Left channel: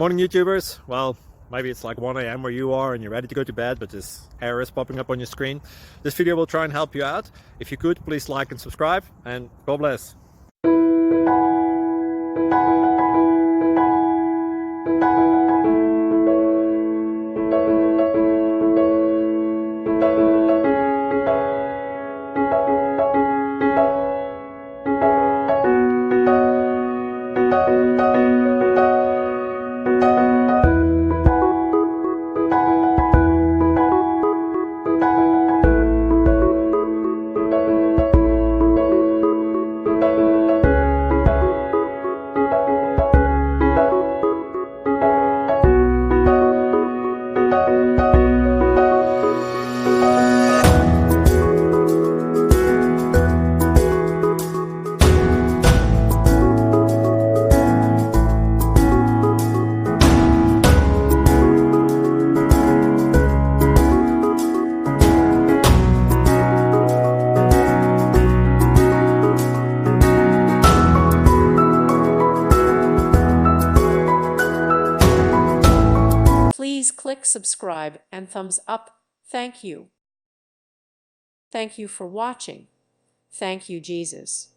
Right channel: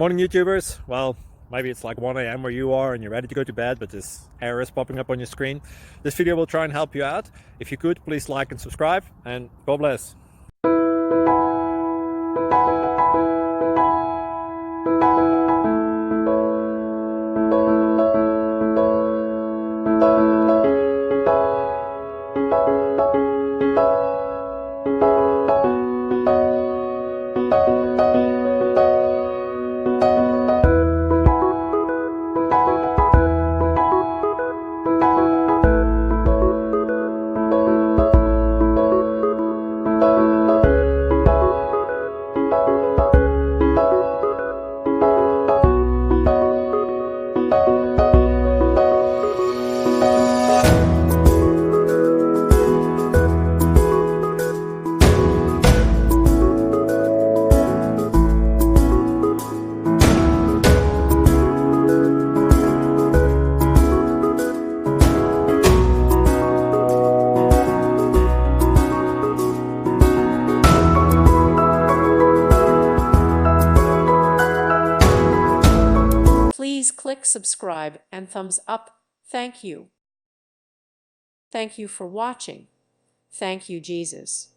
Morning YouTubers. Well, maybe it's like 1 a.m. where you are and you're ready to go to bed, but this error is popping up on your screen. This video will try and help you out. If you could, please like and subscribe, and God bless. Please click subscribe and thumbs up. Thank you. Thank you for watching. Thank you, Jesus.